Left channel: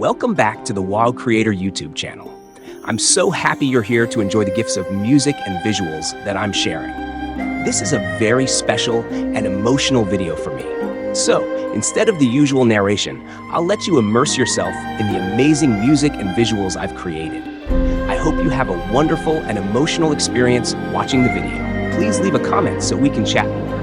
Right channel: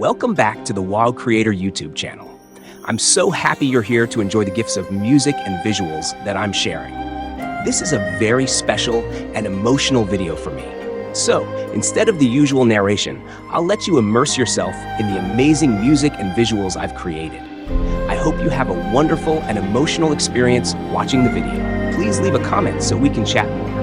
Welcome back to the WoW Creator YouTube channel. I'm so happy you're here to enjoy the gifts of music and visuals that I'm sharing. This is a very special and emotional video for me. So, instead of the usual narration, I'll let you immerse yourself in the amazing music and visuals I've created. I hope you have a wonderful and emotional experience watching the video. Please leave a comment so we can chat more.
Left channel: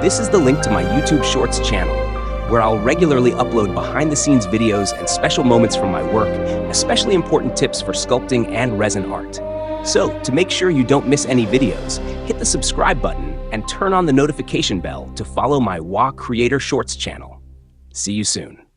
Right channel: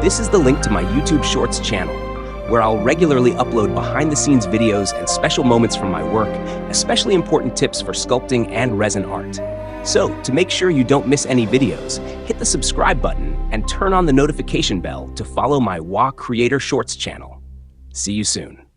This is the link to my YouTube Shorts channel, where I'll regularly upload behind-the-scenes videos and special moments from my work, especially important tips for sculpting and resin art. So, to make sure you don't miss any videos, hit the subscribe button and turn on the notification bell to follow my Wukong Creator Shorts channel. See you soon.